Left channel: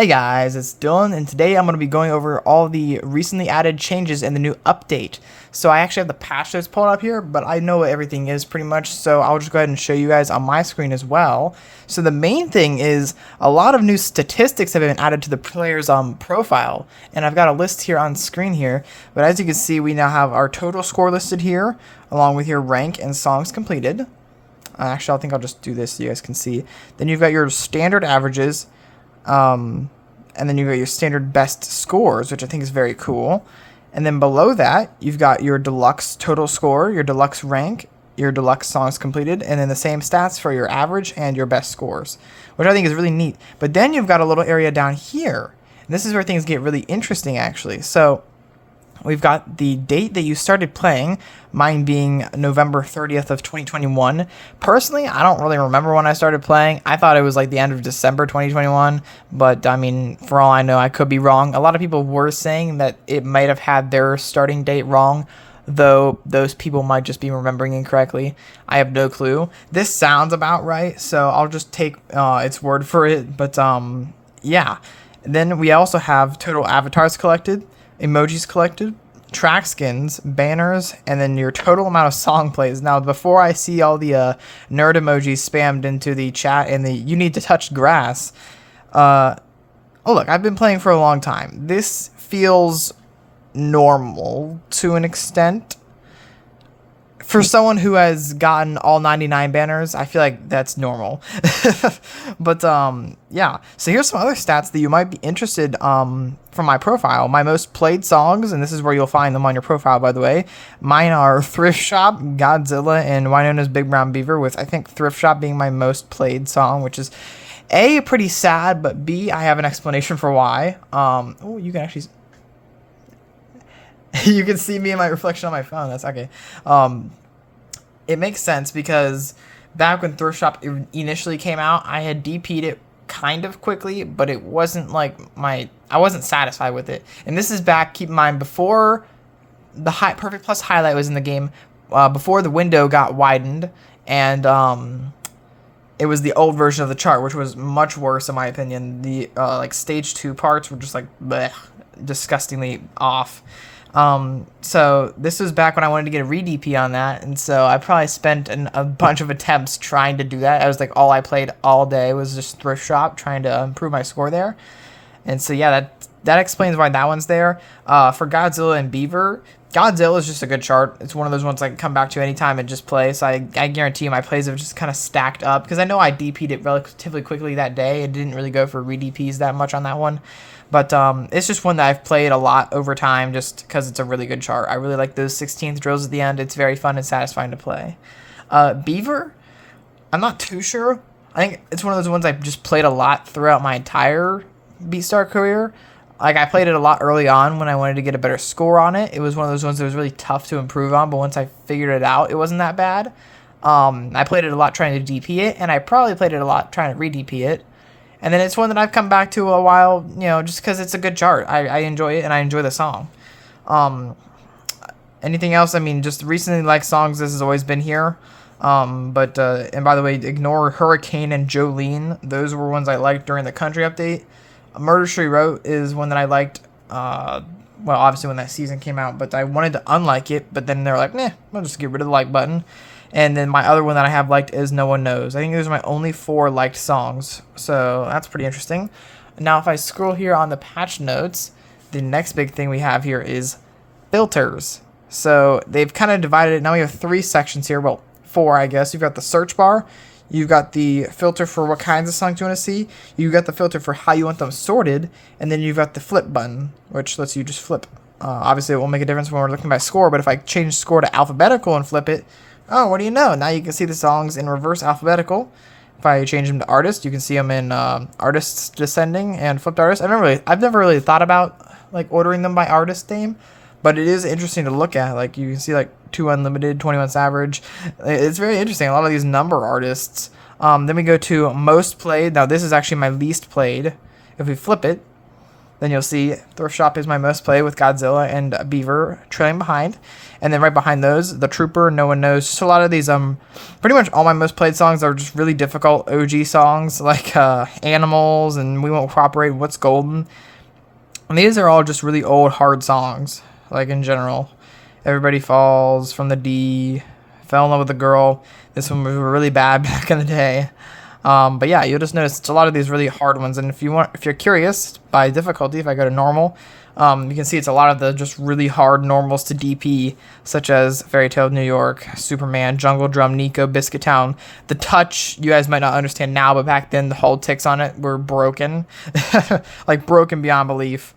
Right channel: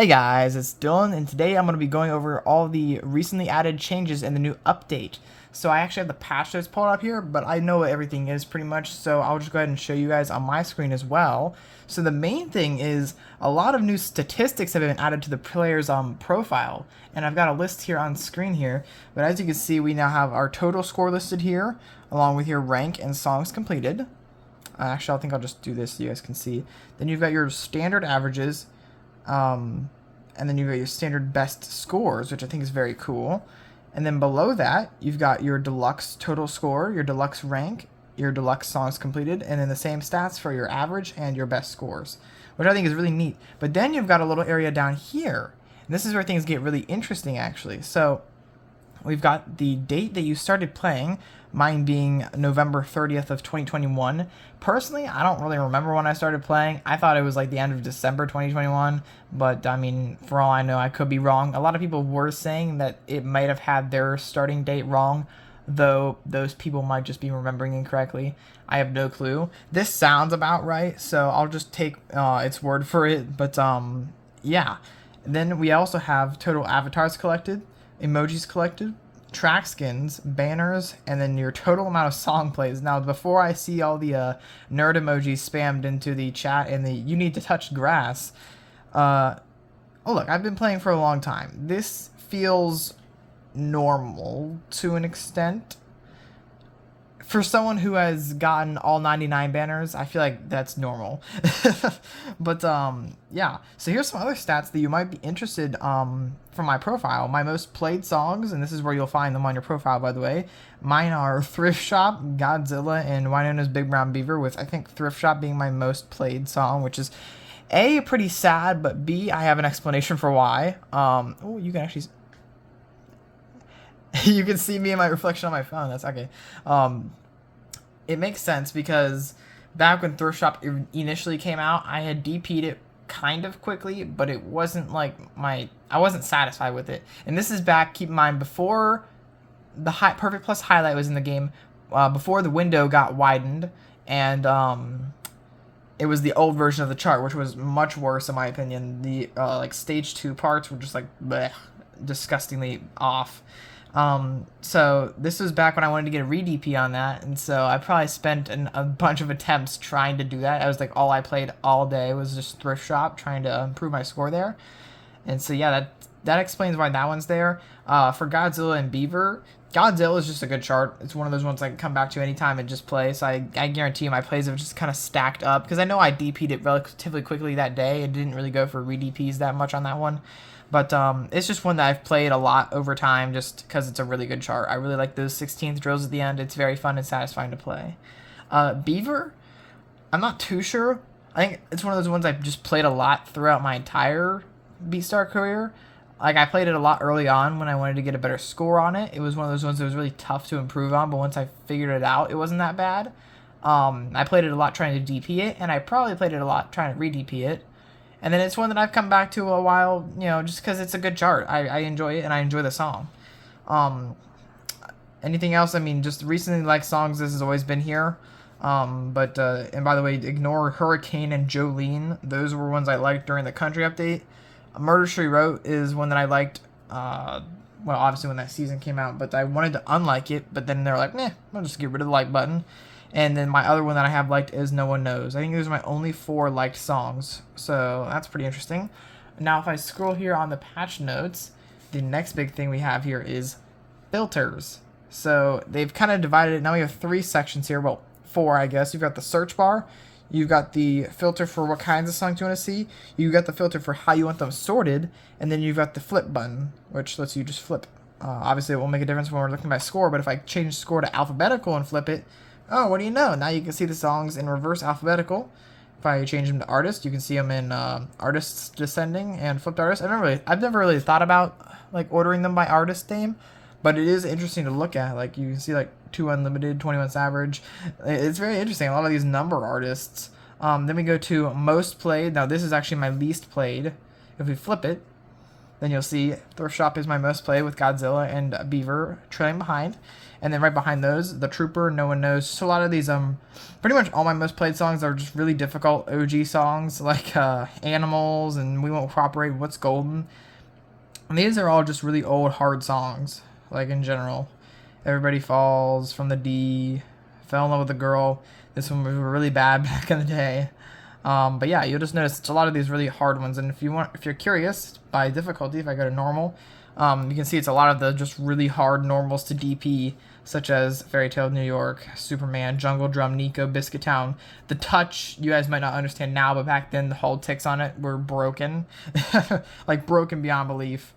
Hey guys, it's Dylan, and today I'm going to be going over all the recently added changes in the new update. So I actually have the patch notes pulled up here, but I know what everything is pretty much, so I'll just go ahead and show you guys on my screen as well. So the main thing is a lot of new statistics have been added to the player's profile, and I've got a list here on screen here, but as you can see, we now have our total score listed here, along with your rank and songs completed. Actually, I think I'll just do this so you guys can see. Then you've got your standard averages, and then you've got your standard best scores, which I think is very cool. And then below that, you've got your deluxe total score, your deluxe rank, your deluxe songs completed, and then the same stats for your average and your best scores, which I think is really neat. But then you've got a little area down here, and this is where things get really interesting, actually. So we've got the date that you started playing, mine being November 30th of 2021. Personally, I don't really remember when I started playing. I thought it was like the end of December 2021, but I mean, for all I know, I could be wrong. A lot of people were saying that it might have had their starting date wrong, though those people might just be remembering incorrectly. I have no clue. This sounds about right, so I'll just take its word for it, but yeah. Then we also have total avatars collected, emojis collected, track skins, banners, and then your total amount of song plays. Now, before I see all the nerd emojis spammed into the chat and the "you need to touch grass," oh look, I've been playing for a long time. This feels normal to an extent. For someone who has gotten all 99 banners, I feel like that's normal. But yeah, so here's some other stats that you might be interested from my profile. My most played songs, and this is where you'll find them on your profile, by the way. Mine are Thrift Shop, Godzilla, and Wynonna's Big Brown Beaver, with I think Thrift Shop being my most played song, which is A, pretty sad, but B, I have an explanation for why. Oh, you can actually you can see me in my reflection on my phone. That's okay. It makes sense because back when Thrift Shop initially came out, I had DP'd it kind of quickly, but it wasn't like I wasn't satisfied with it. And this is back, keep in mind, before the Perfect Plus highlight was in the game, before the window got widened, and it was the old version of the chart, which was much worse in my opinion. The like stage 2 parts were just like bleh, disgustingly off. So this was back when I wanted to get a re-DP on that, and so I probably spent a bunch of attempts trying to do that. I was like, all I played all day was just Thrift Shop, trying to improve my score there. And so yeah, that explains why that one's there. For Godzilla and Beaver, Godzilla is just a good chart. It's one of those ones I can come back to anytime and just play, so I guarantee you my plays have just kind of stacked up, because I know I DP'd it relatively quickly that day. It didn't really go for re-DPs that much on that one. But it's just one that I've played a lot over time just because it's a really good chart. I really like those 16th drills at the end. It's very fun and satisfying to play. Beaver, I'm not too sure. I think it's one of those ones I've just played a lot throughout my entire Beatstar career. Like, I played it a lot early on when I wanted to get a better score on it. It was one of those ones that was really tough to improve on, but once I figured it out, it wasn't that bad. I played it a lot trying to DP it, and I probably played it a lot trying to re-DP it. And then it's one that I've come back to a while, you know, just because it's a good chart. I enjoy it, and I enjoy the song. Anything else? I mean, just recently liked songs, this has always been here. And by the way, ignore Hurricane and Jolene. Those were ones I liked during the country update. Murder, She Wrote is one that I liked, well, obviously when that season came out, but I wanted to unlike it, but then they were like, nah, I'll just get rid of the like button. And then my other one that I have liked is No One Knows. I think those are my only 4 liked songs, so that's pretty interesting. Now, if I scroll here on the patch notes, the next big thing we have here is filters. So they've kind of divided it. Now we have 3 sections here. Well, 4, I guess. You've got the search bar. You've got the filter for what kinds of songs you want to see. You've got the filter for how you want them sorted. And then you've got the flip button, which lets you just flip. Obviously, it won't make a difference when we're looking by score, but if I change score to alphabetical and flip it, oh, what do you know? Now you can see the songs in reverse alphabetical. If I change them to artist, you can see them in artists descending and flipped artists. I've never really thought about like ordering them by artist name, but it is interesting to look at. Like, you can see like 2 Unlimited, 21 Savage. It's very interesting. A lot of these number artists. Then we go to most played. Now this is actually my least played. If we flip it, Then you'll see Thrift Shop is my most played with Godzilla and Beaver trailing behind. And then right behind those, The Trooper, No One Knows. Just a lot of these, pretty much all my most played songs are just really difficult OG songs like Animals and We Won't Cooperate, What's Golden. And these are all just really old, hard songs, like in general. Everybody Falls, From the D, Fell in Love with a Girl. This one was really bad back in the day. But yeah, you'll just notice it's a lot of these really hard ones. And if you're curious by difficulty, if I go to normal, you can see it's a lot of the just really hard normals to DP, such as Fairy Tale of New York, Superman, Jungle Drum, Nico, Biscuit Town. The touch, you guys might not understand now, but back then the hold ticks on it were broken. Like broken beyond belief.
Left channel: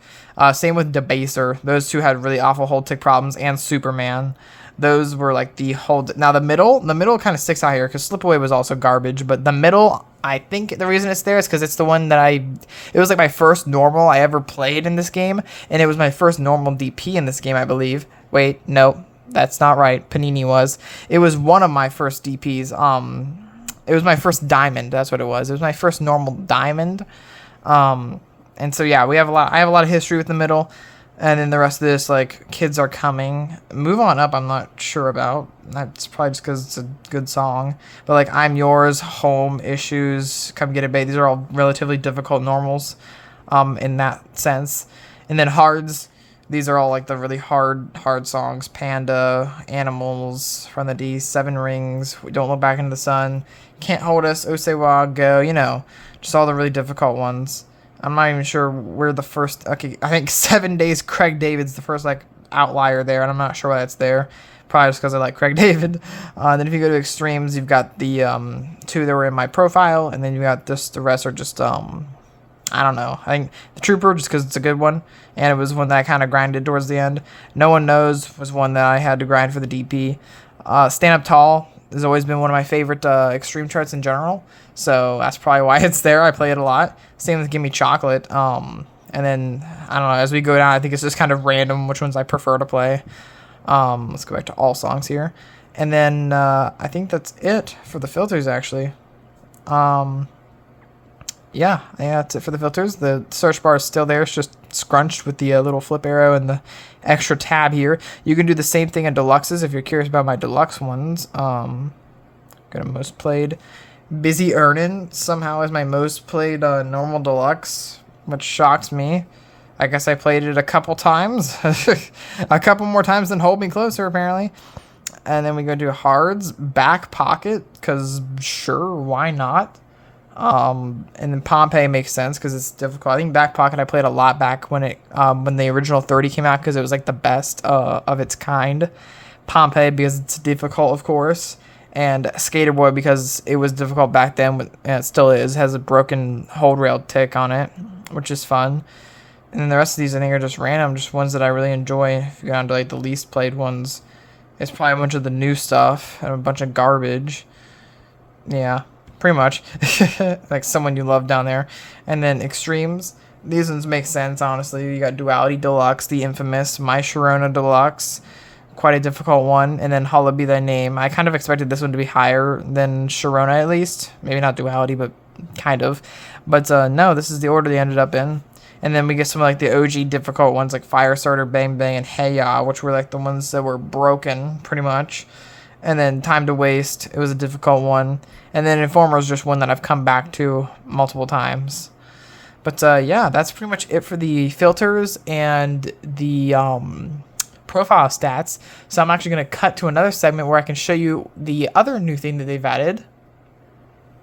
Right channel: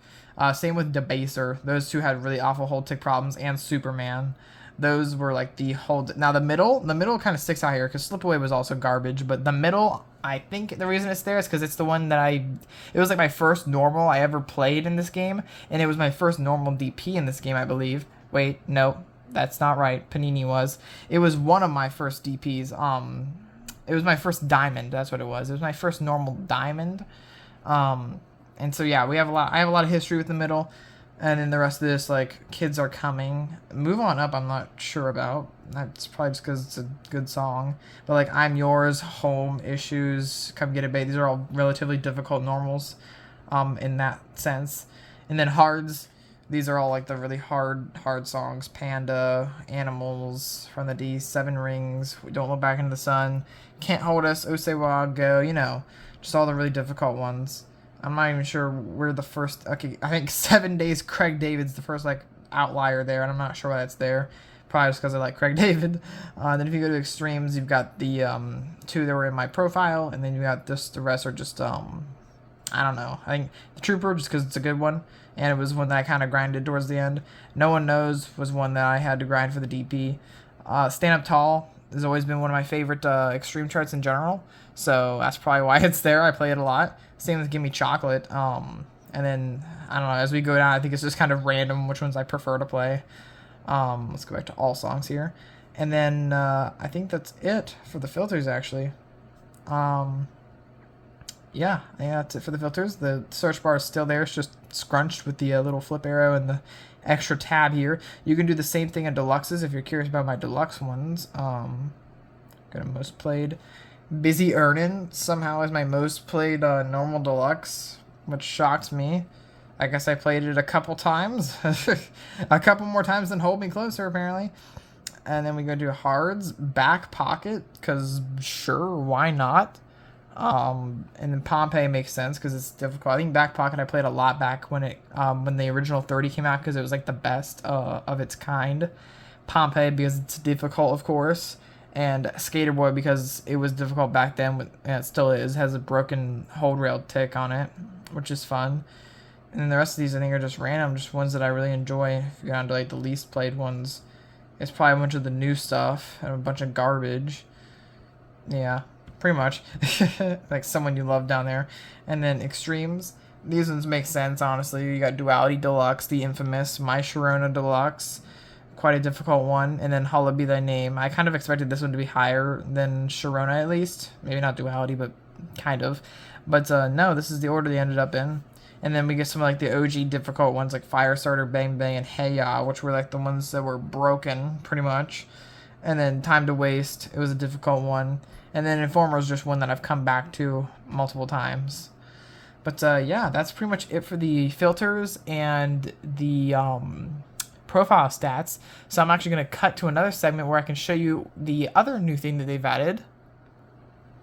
Same with Debaser. Those two had really awful hold tick problems, and Superman. Those were like the hold. Now the middle kind of sticks out here because Slip Away was also garbage, but the middle, I think the reason it's there is because it's the one that it was like my first normal I ever played in this game, and it was my first normal DP in this game, I believe. Wait, no, that's not right. Panini was. It was one of my first DPs. It was my first diamond. That's what it was. It was my first normal diamond. And so yeah, I have a lot of history with the middle. And then the rest of this, like, Kids Are Coming. Move On Up, I'm not sure about. That's probably just because it's a good song. But, like, I'm Yours, Home, Issues, Come Get It, Babe. These are all relatively difficult normals in that sense. And then Hards. These are all, like, the really hard songs. Panda, Animals, From the D, Seven Rings, We Don't Look Back into the Sun, Can't Hold Us, Osewa, Go, just all the really difficult ones. I'm not even sure where the first... Okay, I think 7 Days Craig David's the first, like, outlier there, and I'm not sure why that's there. Probably just because I like Craig David. Then if you go to Extremes, you've got the two that were in my profile, and then you got the rest are just, I don't know. I think The Trooper, just because it's a good one, and it was one that I kind of grinded towards the end. No One Knows was one that I had to grind for the DP. Stand Up Tall has always been one of my favorite Extreme charts in general, so that's probably why it's there. I play it a lot. Same with Gimme Chocolate. And then, I don't know, as we go down, I think it's just kind of random which ones I prefer to play. Let's go back to all songs here. And then I think that's it for the filters, actually. Yeah, that's it for the filters. The search bar is still there. It's just scrunched with the little flip arrow and the extra tab here. You can do the same thing in deluxes if you're curious about my deluxe ones. Go to most played. Busy Earnin' somehow is my most played normal deluxe, which shocks me. I guess I played it a couple times. A couple more times than Hold Me Closer, apparently. And then we go to Hards, Back Pocket, because sure, why not? And then Pompeii makes sense because it's difficult. I think Back Pocket I played a lot back when the original 30 came out because it was like the best of its kind. Pompeii because it's difficult, of course. And Skater Boy because it was difficult back then, and it still is. It has a broken hold rail tick on it, which is fun. And then the rest of these I think are just random, just ones that I really enjoy. If you go down to like the least played ones, it's probably a bunch of the new stuff and a bunch of garbage. Yeah, pretty much. Like Someone You Love down there. And then Extremes. These ones make sense, honestly. You got Duality Deluxe, the infamous My Sharona Deluxe. Quite a difficult one. And then Hallowed Be Thy Name. I kind of expected this one to be higher than Sharona, at least. Maybe not Duality, but kind of. But no, this is the order they ended up in. And then we get some like the OG difficult ones like Firestarter, Bang Bang, and Hey Ya, which were like the ones that were broken, pretty much. And then Time to Waste, it was a difficult one. And then Informer is just one that I've come back to multiple times. But yeah, that's pretty much it for the filters and the profile stats. So I'm actually going to cut to another segment where I can show you the other new thing that they've added.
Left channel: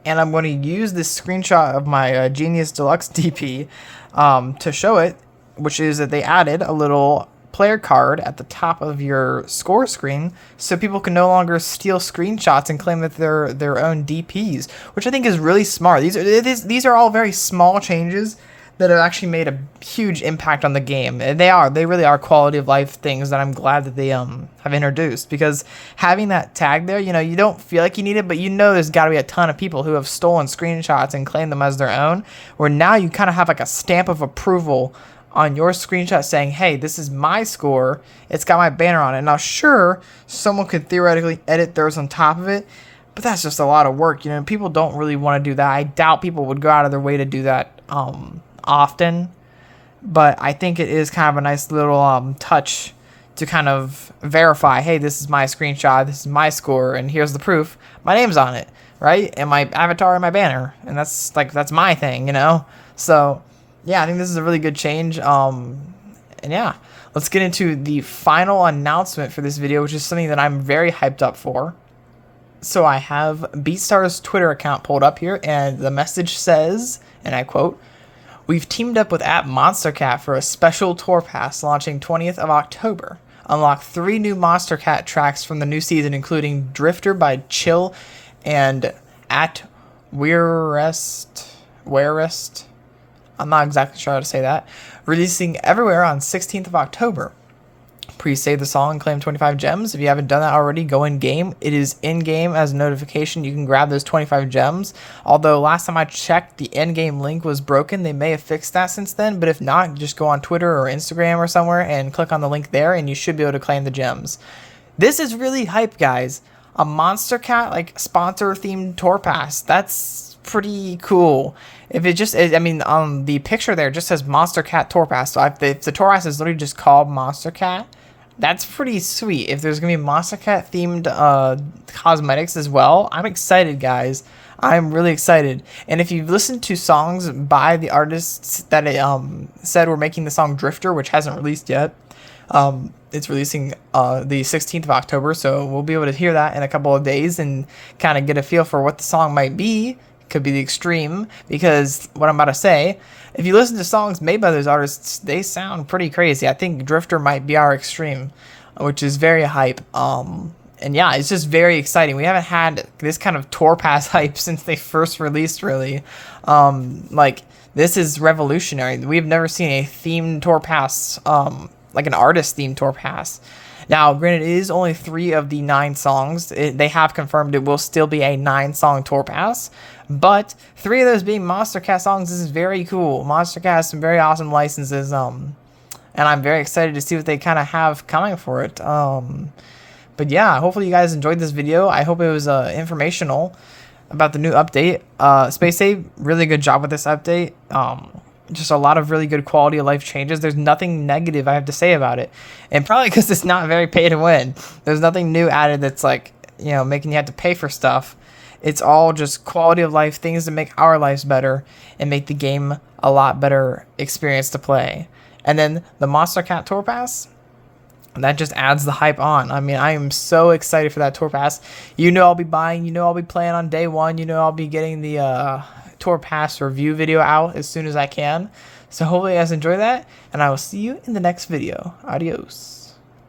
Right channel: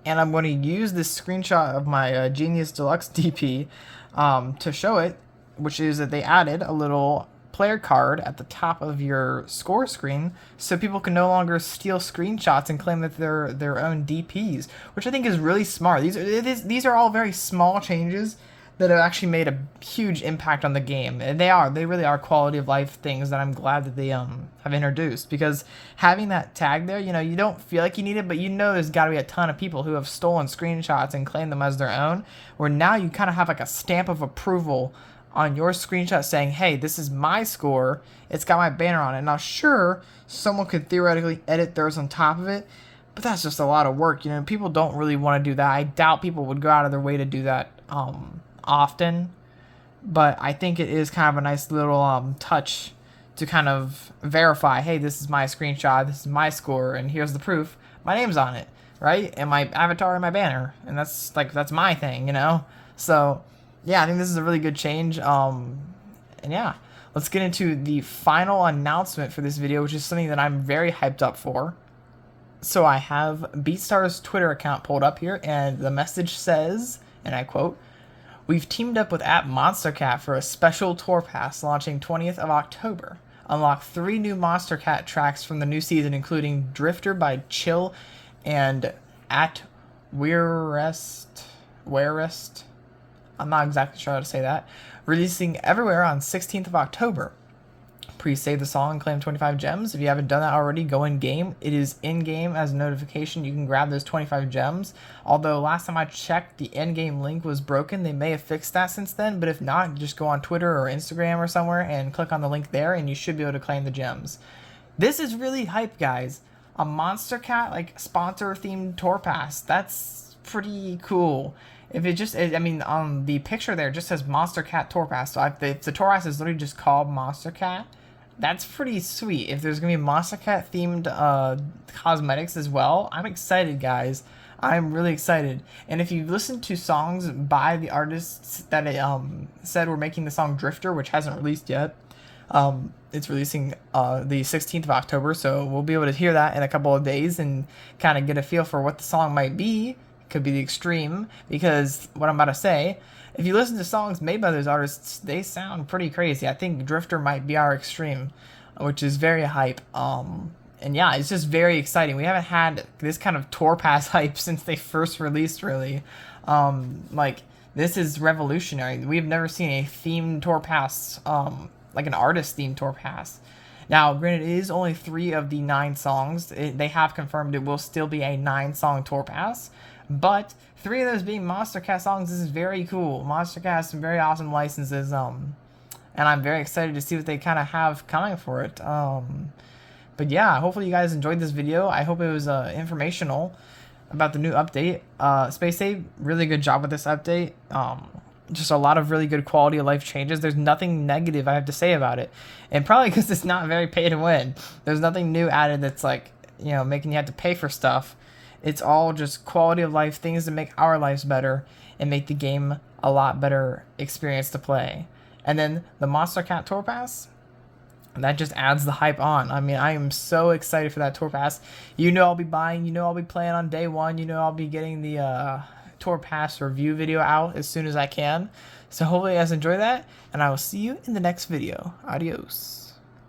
And I'm going to use this screenshot of my Genius Deluxe DP to show it, which is that they added a little player card at the top of your score screen so people can no longer steal screenshots and claim that they're their own DPs, which I think is really smart. These are all very small changes that have actually made a huge impact on the game. And they really are quality of life things that I'm glad that they have introduced, because having that tag there, you don't feel like you need it, but there's got to be a ton of people who have stolen screenshots and claimed them as their own, where now you kind of have like a stamp of approval on your screenshot saying, hey, this is my score, it's got my banner on it. Now sure, someone could theoretically edit theirs on top of it, but that's just a lot of work. People don't really want to do that. I doubt people would go out of their way to do that often. but I think it is kind of a nice little touch to kind of verify, hey, this is my screenshot, this is my score, and here's the proof. My name's on it, right? And my avatar and my banner, and that's my thing, you know. So yeah, I think this is a really good change. And yeah, let's get into the final announcement for this video, which is something that I'm very hyped up for. So I have Beatstar's Twitter account pulled up here, and the message says, and I quote, "We've teamed up with app Monstercat for a special tour pass launching 20th of October. Unlock 3 new Monstercat tracks from the new season, including Drifter by Chill and At Wearest. I'm not exactly sure how to say that. Releasing everywhere on 16th of October. Pre-save the song and claim 25 gems. If you haven't done that already, go in-game. It is in-game as a notification. You can grab those 25 gems. Although last time I checked, the in-game link was broken. They may have fixed that since then, but if not, just go on Twitter or Instagram or somewhere and click on the link there, and you should be able to claim the gems. This is really hype, guys. A Monstercat, like, sponsor-themed tour pass. That's pretty cool. If it just is, I mean, the picture there just says Monstercat Tour Pass. So if the tour pass is literally just called Monstercat, that's pretty sweet. If there's gonna be Monstercat themed cosmetics as well, I'm excited, guys. I'm really excited. And if you've listened to songs by the artists that said we're making the song Drifter, which hasn't released yet, it's releasing the 16th of October, so we'll be able to hear that in a couple of days and kind of get a feel for what the song might be. Could be the extreme, because what I'm about to say, if you listen to songs made by those artists, they sound pretty crazy. I think Drifter might be our extreme, which is very hype. And yeah, it's just very exciting. We haven't had this kind of tour pass hype since they first released, really. Like, this is revolutionary. We've never seen a themed tour pass, like an artist themed tour pass. Now, granted, it is only 3 of the 9 songs. They have confirmed it will still be a 9-song tour pass, but 3 of those being Monstercat songs. This is very cool. Monstercat has some very awesome licenses, and I'm very excited to see what they kind of have coming for it. But yeah, hopefully you guys enjoyed this video. I hope it was informational about the new update. Space Save, really good job with this update. Just a lot of really good quality of life changes. There's nothing negative I have to say about it. And probably because it's not very pay to win. There's nothing new added that's like, you know, making you have to pay for stuff. It's all just quality of life, things to make our lives better and make the game a lot better experience to play. And then the Monstercat Tour Pass, that just adds the hype on. I mean, I am so excited for that Tour Pass. You know I'll be buying, you know I'll be playing on day 1, you know I'll be getting the Tour Pass review video out as soon as I can. So hopefully you guys enjoy that, and I will see you in the next video. Adios.